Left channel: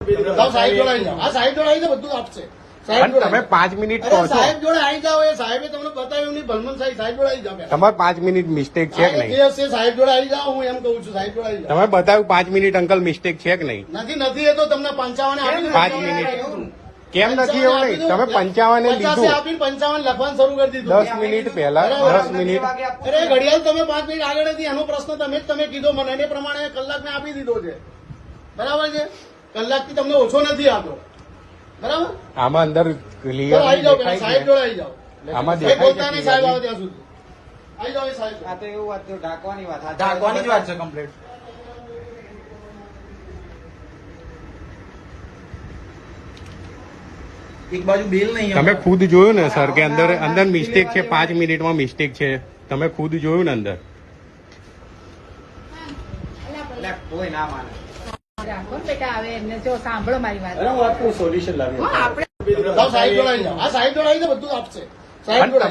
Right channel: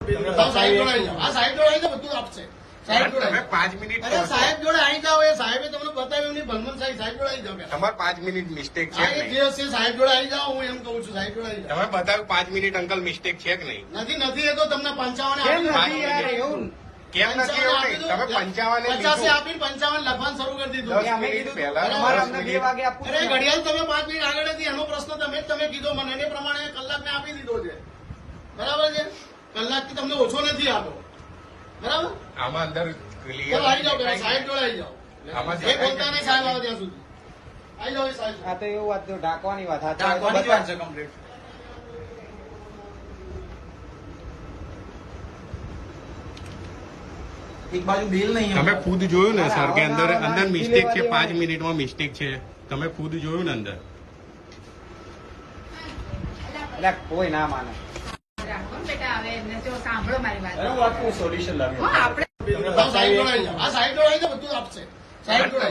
સાહેબ જોડે આવી જાઓ. આ સાહેબ જોડે આવી જાઓ, બધું આપશે. સાહેબ જોડે તમે 5 મિનિટ અરે સાહેબ જોડે આવી જાઓ. એ સાહેબે તમને બતાવ્યું નહીં. ભલમન સાહેબ જોડે આવી જાઓ. તમારે 5 મિનિટ મિસ્ટેક છે હા, કે એ નહીં? જે હશે સાહેબ જોડે આવી જાઓ. હું એમ કહું છું, સાહેબ જોડે આવી જાઓ. તમે બતાવ્યું 5 મિનિટ અંકલ મિસ્ટેક છે કે નહીં? નથી એ તો તમને 55 પાંચ મિનિટ. કેમ નથી એવું નહીં? તમે 55 એ 50 લીધું આપીને 55 લખવાનું શરૂ કરી દીધું. 10 મિનિટ પહેલા 10 મિનિટ. અરે ઘડિયાળ તમે 5 મિનિટ આગળ હતી. એનો પ્રશ્ન તમે કીધો મને. એ પ્રમાણે કલાકને આપી દીધો છે. બરાબર છે? કલાકથી તમને ઓછો નથી આપતો. બરાબર? આમાં અંદર તો આવી જાઓ પેલા સાહેબ જોડે આવી જાઓ. આમાં સાહેબ દેખાય બોલતા છે નહીં, સાહેબ આવે ત્યાં સુધી. આવી જાઓ એ સાહેબ. આ તો એવું વાત છે, ઢાંકવાની વાત. ઢાંકવાની જ વાત છે કમ્પ્લીટ. એક બાજુ બિલ નહીં. તમે ખુદ જોયું ને સર કે અંદર અંદર મિસ્ટેક છે, 5 મિનિટમાં મિસ્ટેક છે. તમે ખુદ જોયું ને અંદર. એટલે કોઈ ના માને. રાખો ને બેટા, હવે એમને જો સાંભળો મારી વાત. સોલ્યુશન લાવ્યું. આપણે સાહેબ જોડે આવી જાઓ. આ સાહેબ જોડે આવી જાઓ, બધું આપશે. સાહેબ જોડે